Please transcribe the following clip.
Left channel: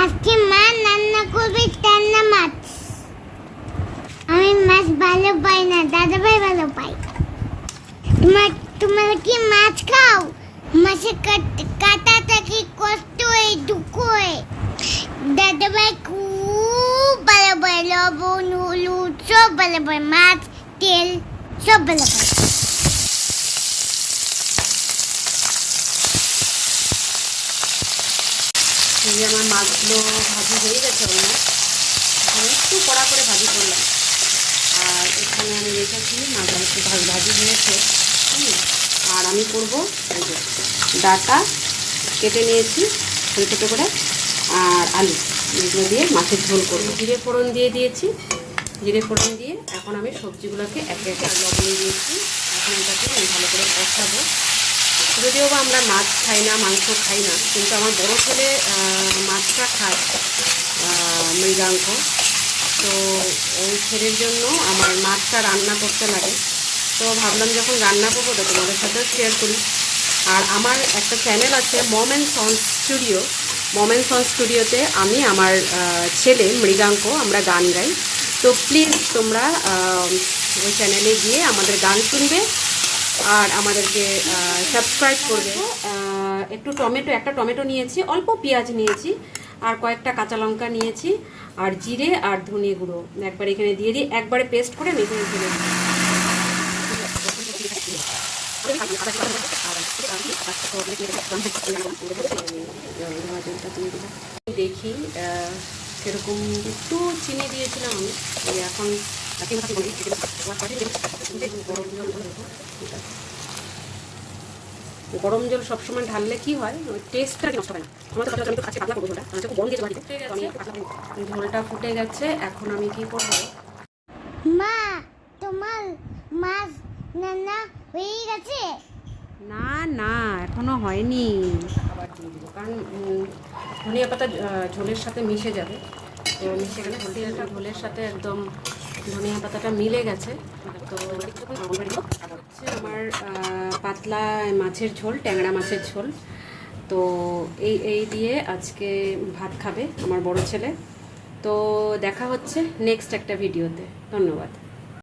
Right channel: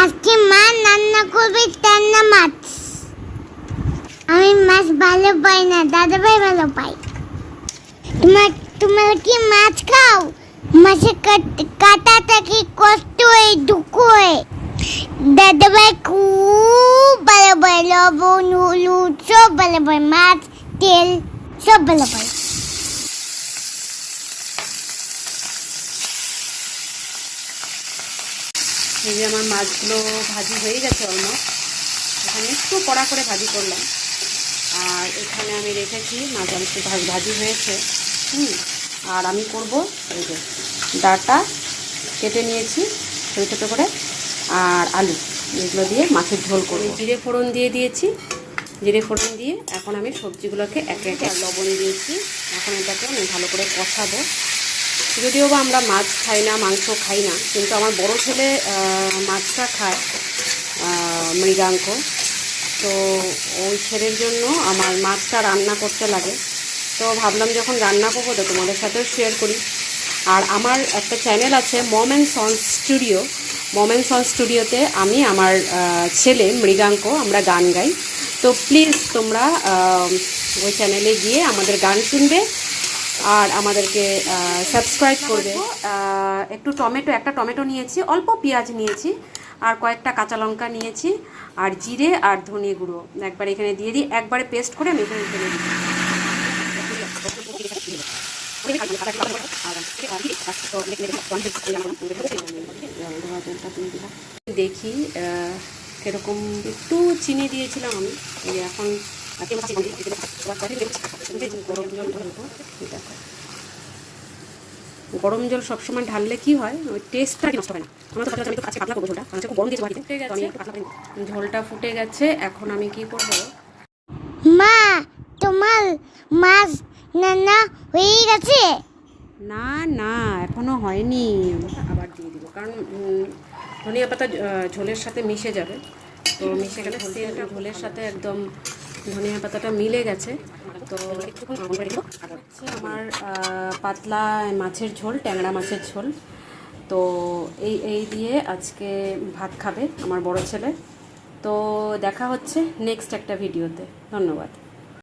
আজকে মা রান্না করবে টানা মাছ। আমি মাছ ভালো পাই না, দাদা ভাই ভালো পাই। তোমরা কি মাছ খাও? মাছের কাটাটা কি কষ্ট হয়, দুঃখ হয়। দাদা ভাই খুব ভালো পায়, লবণ হলুদ সব ভালো পায়, মাছ তেল সব ভালো পায়। এই যে আমার মাছগুলো ভাজি হয়ে গেছে অলমোস্ট। এখন একটু কড়া করে ভাজি করলাম। আর এখানে আমি রেখেছি মাছ একটু ভাজি হয়েছে। আর আমি করবো এই যে ডাঁটা কেটে নিয়েছি ছোটো ছোটো করে, আর আলু, এগুলো দিয়ে মাছের ঝোল করবো। জিরে ফোড়ন দিয়ে দিয়েছি, জিরে ফোড়ন দিয়ে এখন আমি সবজিগুলোকে একে একে আর লবণ দিয়েছি। এখন এটাকে আমি ভালো করে কষাবো। যদিও বা আমরা মাছ খাই না, মাংস খাই না, কিন্তু আমার বড় ছেলে মাছটা খায়, মৃগাঙ্ক। তো ওই ছেলের জন্য আমার মাছটা রান্না করতে লাগে। তো ভাবলাম যখন রান্না করবো তো তোমাদের সাথেও শেয়ার করি। আর আমার একটা চ্যানেল আছে mom and sons studio. Mom and sons স্টুডিওতে আমি আমার ছেলে মৃগাঙ্ক আমরা গান গাই। তো প্লিজ তোমরা ওই চ্যানেলে গিয়ে আমাদের গান শুনবে আর আমাদেরকে সাবস্ক্রাইব করবে। একটু একটা টমেটো নিয়েছি, অল্প পেঁয়াজ নিয়েছি, আর কয়েকটা কাঁচা লঙ্কা নিয়েছি, আর জিরে আর ধনে গুঁড়ো একবার এখানে দিয়ে দিই, একবারে পেস্ট করে আমি এখানে দিয়ে দিই। দেখি সেরকম একটু চিনি দিয়েছিলাম আমি। এখন গরম জল সবসময় ঢাললে কি হয়, ওই টেস্টটা নষ্ট হয় না। ঝোলটা ফুটে গেছে, এখন আমি কি করবো? মা, তোমার মাছ রান্না হয়ে গেছে? না না, এখনো হয়নি। আবার দিয়ে দিব, কারণ ধনিয়া পাতা ঝোলের সাথে মিশে যাবে। তো মিশে গেলে ঝোলের সাথে একদম ধনিয়া পাতাটা মিলে গেছে। তো হচ্ছে আমার পাতলা মাছের ঝোল, ট্যাংরা মাছের ঝোল। তো এই দিয়ে আজকে ভাত খাবে আমার বড় ছেলে। তো দেখা হচ্ছে নেক্সট একটা ভিডিওতে। ধন্যবাদ।